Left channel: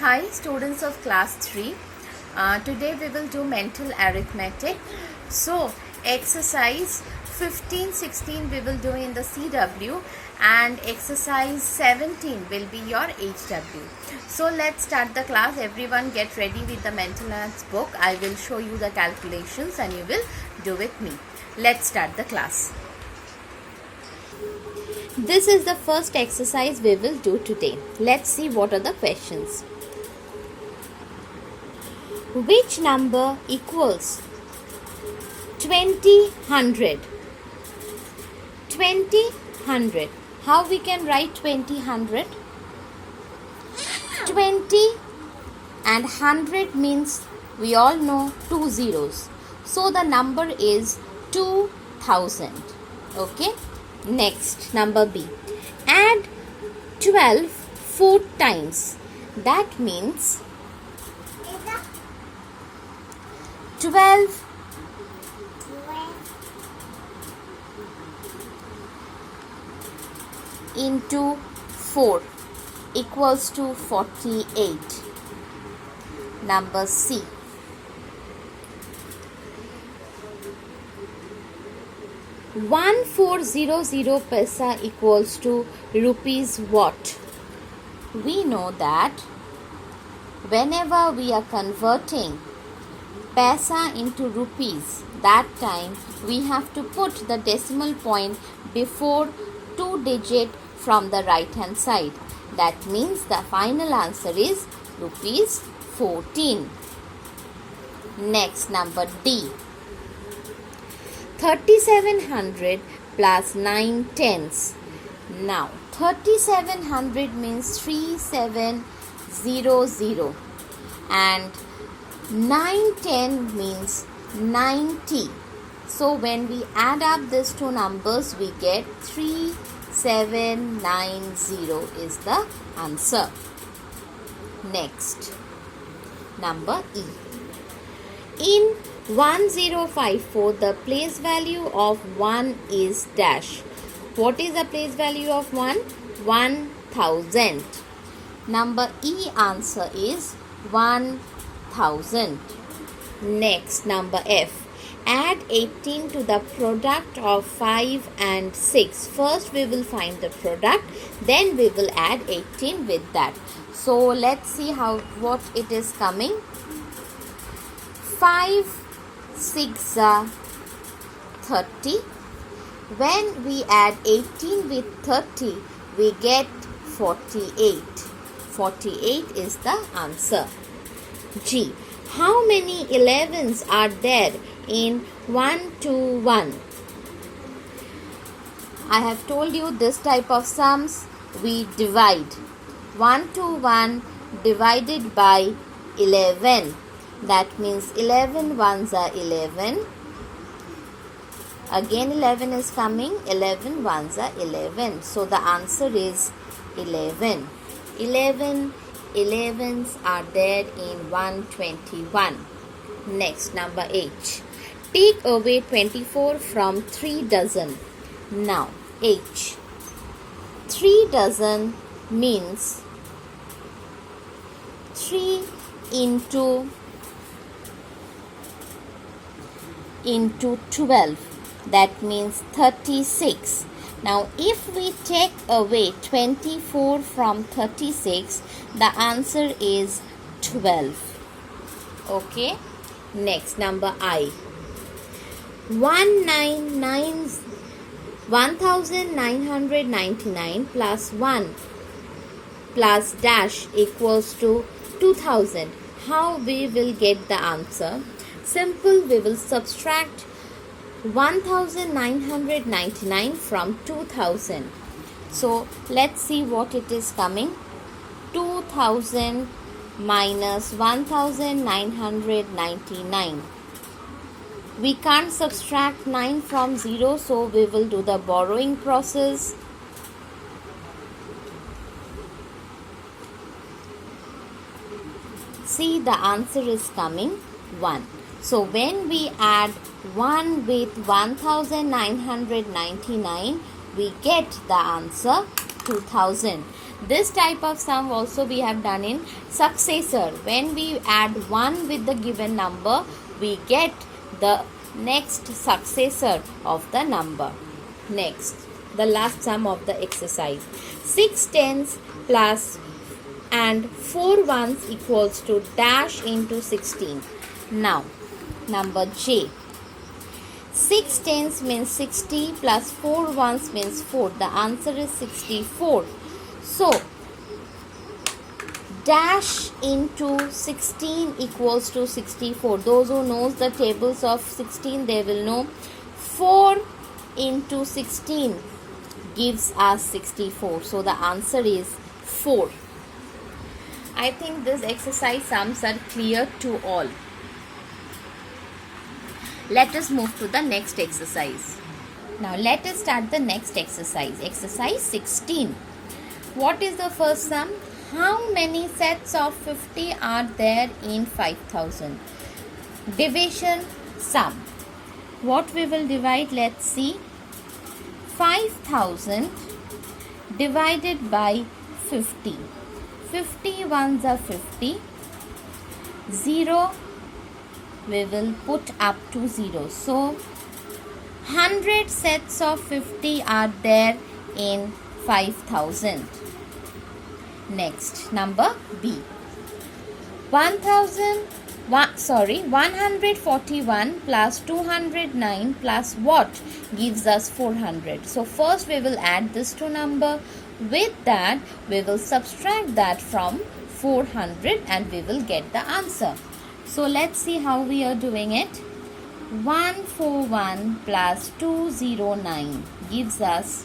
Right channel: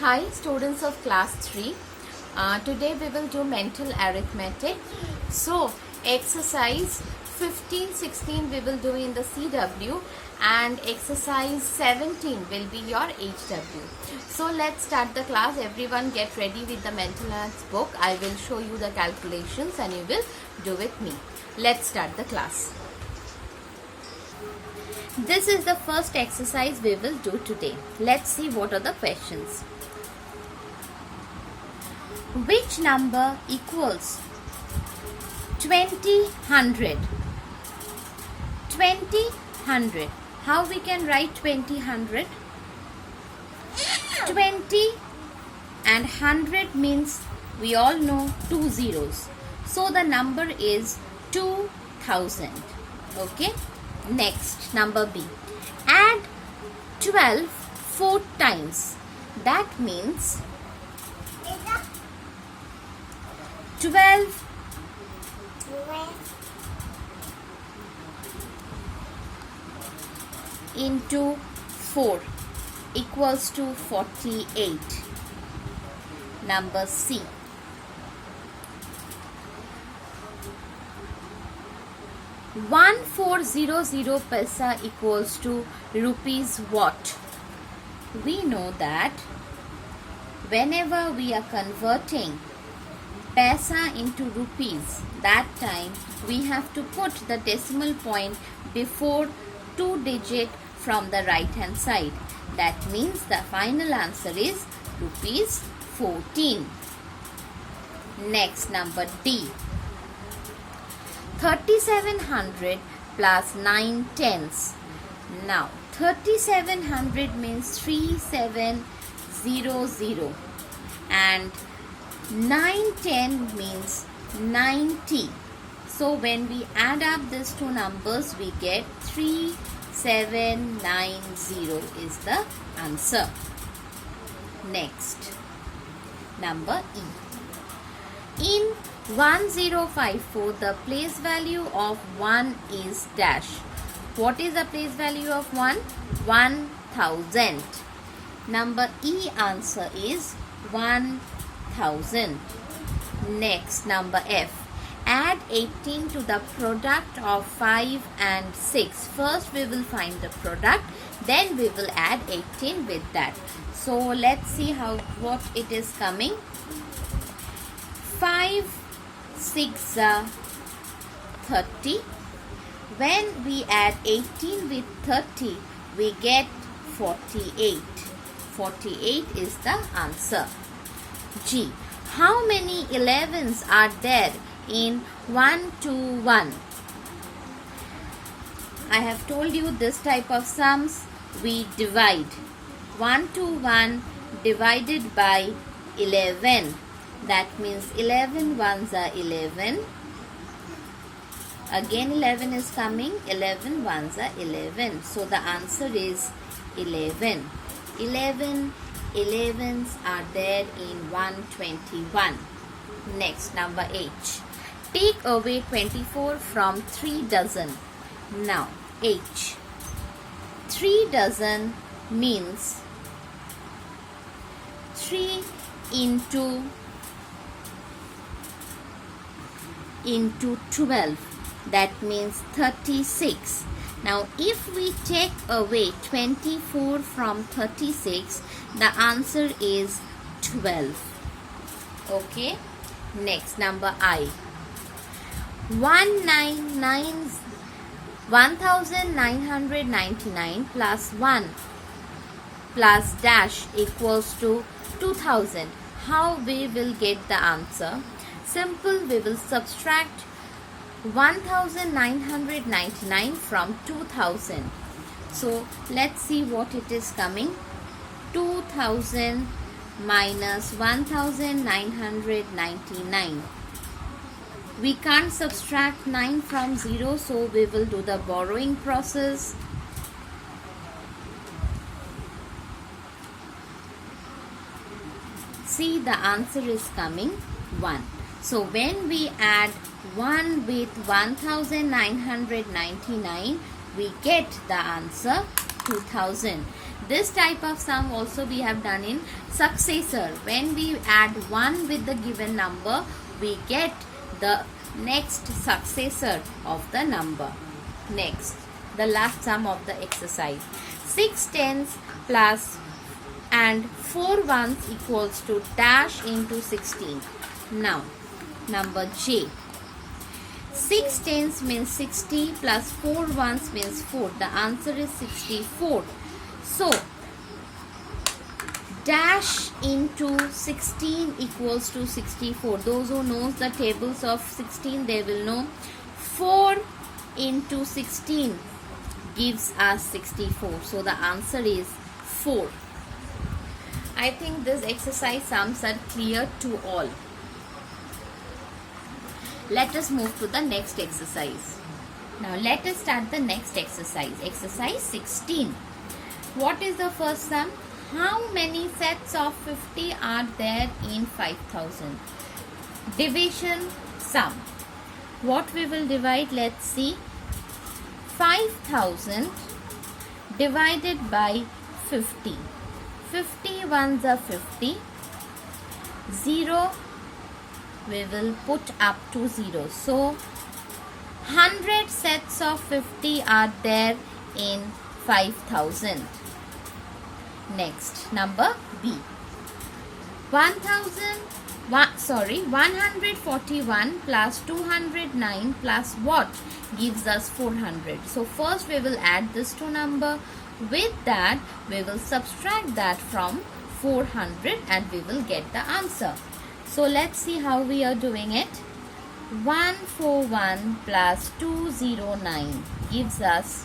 Hi students of class 3. Today we will do mental arithmetic. So exercise 15, 16 we will do in the CW and exercise 17 will be your HW. So let's start the class. Everyone get ready with the mental maths book. I will show you the calculations and you will do with me. Let's start the class. This is the first exercise we will do today. Let's see what are the questions. Which number equals 2000? 2000. How we can write 2000? 20 and 100 means we all know 2 zeros. So the number is 2000. Okay. Next, number B. Add 12 4 times. That means 12 into 4 equals to 48. Number C. One 400 paisa equals to rupees what? We know that whenever we are converting paisa into rupees, that time we have to put the decimal point before 2 digit from the right hand side. That means the final answer is rupees 14. Next, number D. 3700 plus 9 tenths. Now 3700 means 3700 and 910 means 90. So when we add up these two numbers we get 3790 is the answer. Next, number E. In 1054 the place value of 1 is dash. What is the place value of 1? 1000. Number E answer is 1000. Next, number F. Add 18 to the product of 5 and 6. First we will find the product, then we will add 18 with that. So let's see what it is coming. 5 6 are 30. When we add 18 with 30, we get 48. 48 is the answer. G. How many 11s are there in 121? I have told you this type of sums we divide. 121 divided by 11. That means 11 ones are 11. Again 11 is coming. 11 ones are 11. So the answer is 11. 11 11s are there in 121. Next, number H. Take away 24 from 3 dozen. Now H. 3 dozen means 3 into 12. That means 36. Now if we take away 24 from 36, the answer is 12. Okay. Next, number I. 1999 plus 1 plus dash equals to 2000. How we will get the answer? Simple, we will subtract 1999 from 2000. So let's see what it is coming. 2000 minus 1999. We can't subtract 9 from 0, so we will do the borrowing process. See, the answer is coming 1. So when we add 1 with 1999, we get the answer 2000. This type of sum also we have done in successor. When we add 1 with the given number, we get the next successor of the number. Next, the last sum of the exercise. 6 tens plus and 4 ones equals to dash into 16. Now, number J. 6 tens means 60 plus 4 ones means 4. The answer is 64. So, dash into 16 equals to 64. Those who knows the tables of 16, they will know 4 into 16 gives us 64. So, the answer is 4. I think this exercise sums are clear to all. Let us move to the next exercise. Now let us start the next exercise. Exercise 16. What is the first sum? How many sets of 50 are there in 5000? Division sum. What we will divide? Let's see. 5000 divided by 50. 50 ones are 50. 0 we will put up to 0. So, 100 sets of 50 are there in 5000. Next, number B. 141 plus 209 plus what gives us 400. So, first we will add this two number. With that, we will subtract that from 400 and we will get the answer. So, let's see how we are doing it. 141 plus 209 gives us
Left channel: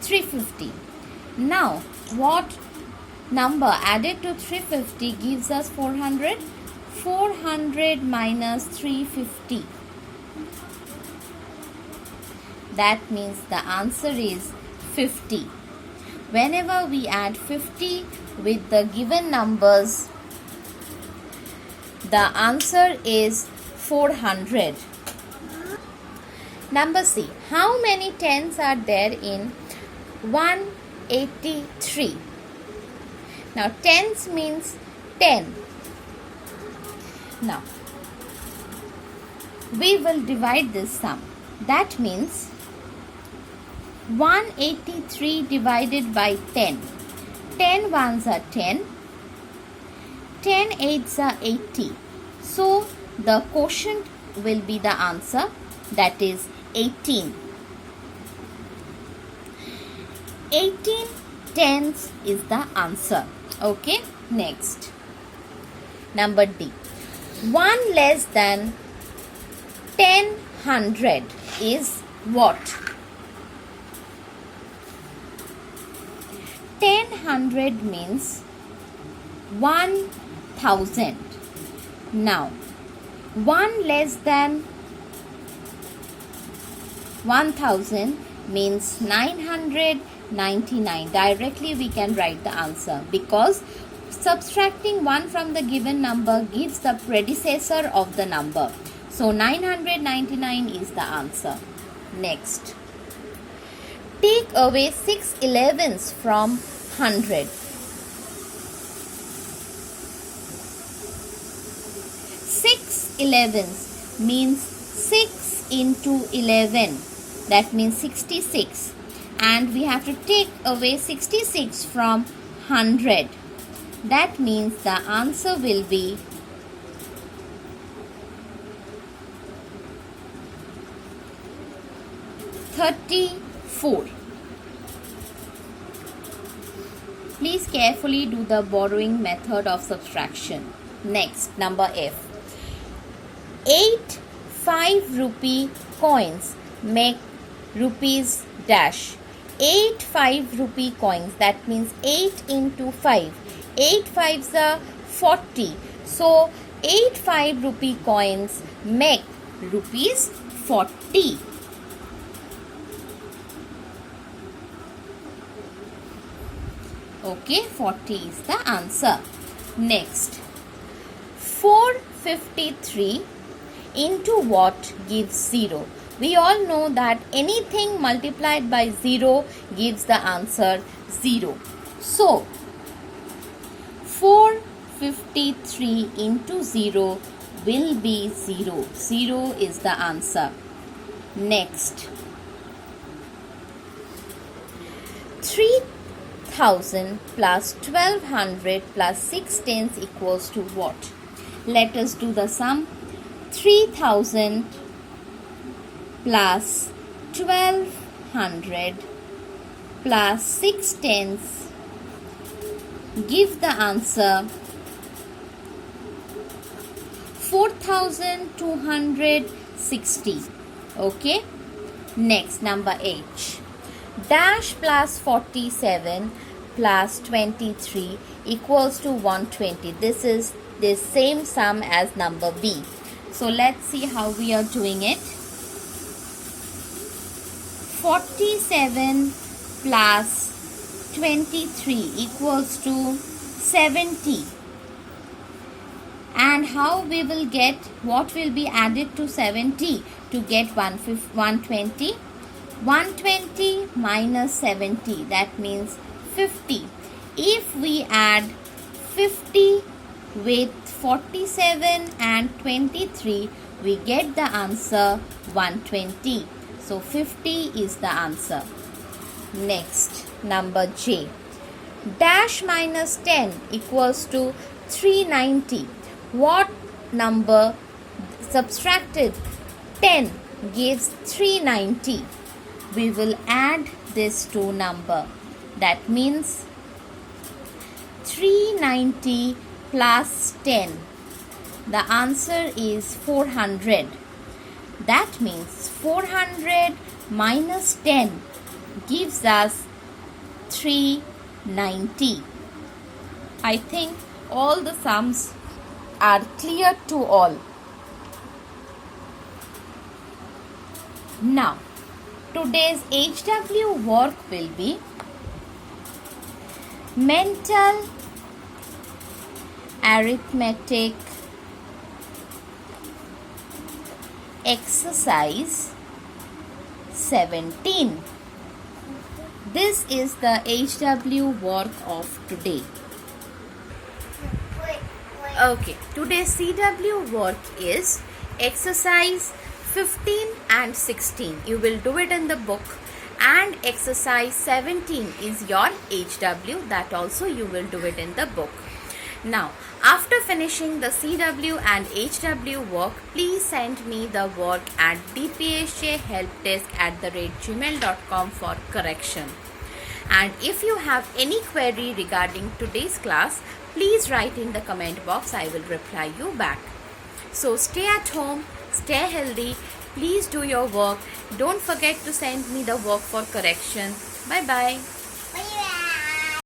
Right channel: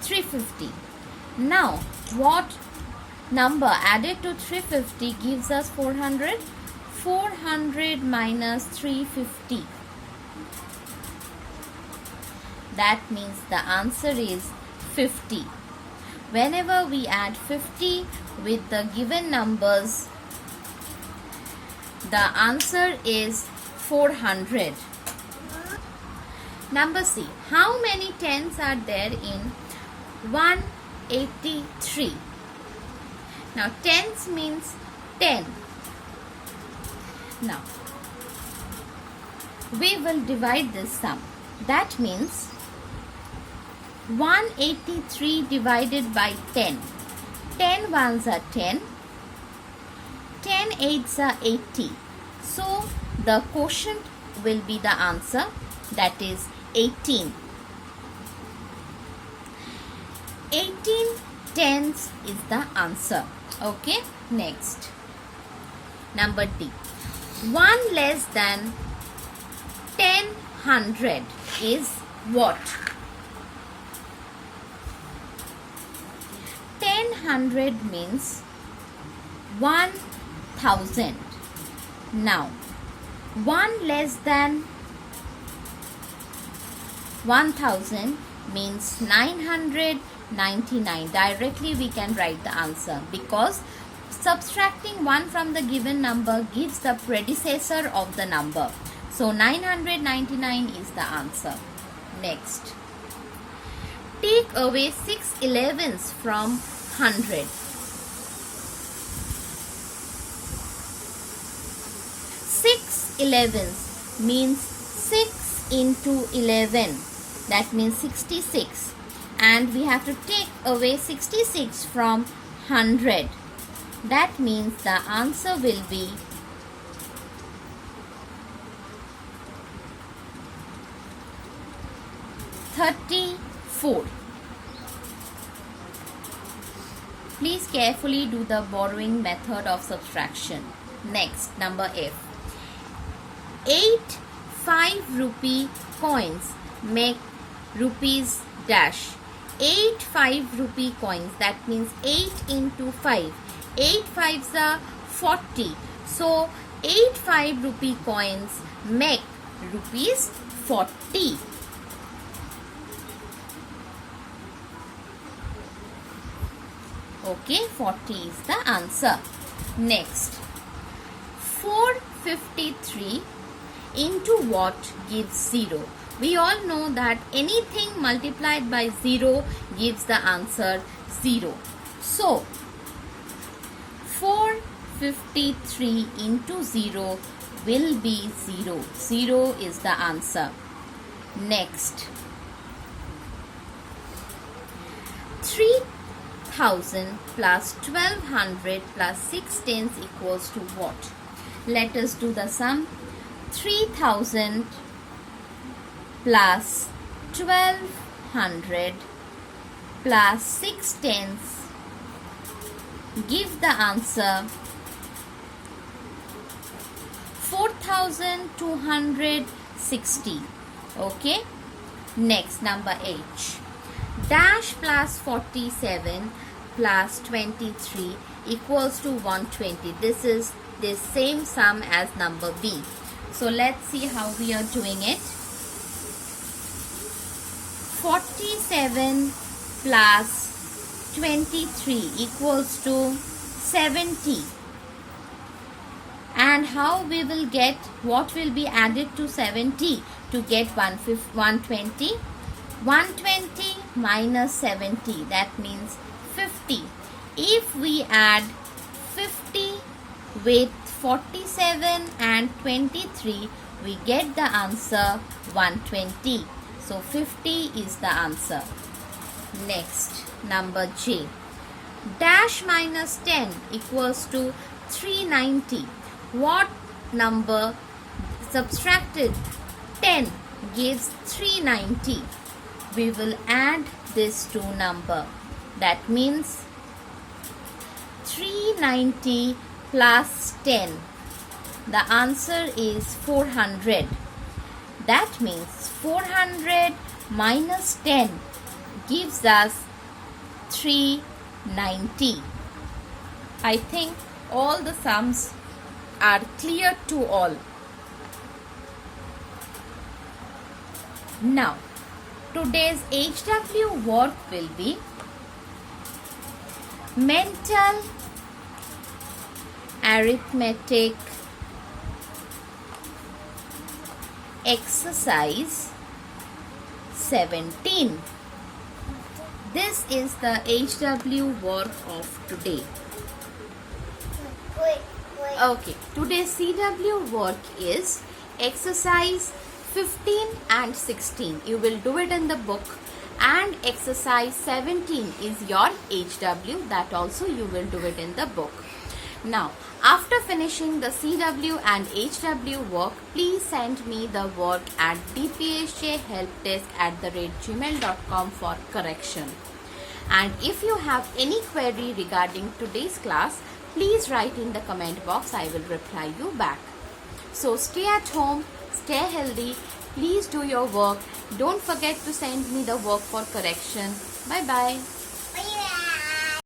350. Now, what number added to 350 gives us 400? 400 minus 350. That means the answer is 50. Whenever we add 50 with the given numbers, the answer is 400. Number C. How many tens are there in 183? Now, tens means 10. Now, we will divide this sum. That means 183 divided by 10. 10 ones are 10. 10 eights are 80. So, the quotient will be the answer, that is 18. 18 tens is the answer. Okay, next. Number D. 1 less than 1000 is what? 1000 means 1000. Now, 1 less than 1000 means 999. Directly we can write the answer because subtracting 1 from the given number gives the predecessor of the number. So, 999 is the answer. Next. Take away 6 11s from 100. 6 11s means 6 into 11. That means 66. And we have to take away 66 from 100. That means the answer will be 34. Please carefully do the borrowing method of subtraction. Next, number F. 8 5-rupee coins make rupees dash. 8 5-rupee coins, that means 8 into 5. 8 5s are 40. So, 8 5-rupee coins make rupees 40. Okay, 40 is the answer. Next, 453 into what gives 0. We all know that anything multiplied by 0 gives the answer 0. So, 453 into 0 will be 0. 0 is the answer. Next, 3000 plus 1200 plus 6 tens equals to what? Let us do the sum. 3000 plus 1200 plus 6 tens give the answer 4260. Okay. Next, number H. Dash plus 47 plus 23 equals to 120. This is the same sum as number B. So let's see how we are doing it. 47 plus 23 equals to 70. And how we will get, what will be added to 70 to get 120? 120 minus 70, that means 50. If we add 50 with 47 and 23, we get the answer 120. So 50 is the answer. Next, number J. Dash minus 10 equals to 390. What number subtracted 10 gives 390? We will add this two number. That means 390 plus 10. The answer is 400. That means 400 minus 10 gives us 390. I think all the sums are clear to all. Now, today's HW work will be mental arithmetic exercise 17. This is the HW work of today. Okay, today's CW work is exercise 15 and 16. You will do it in the book, and exercise 17 is your HW. That also you will do it in the book. Now, after finishing the CW and HW work, please send me the work at dpsjhelpdesk@gmail.com for correction. And if you have any query regarding today's class, please write in the comment box. I will reply you back. So stay at home, stay healthy, please do your work. Don't forget to send me the work for correction. Bye bye.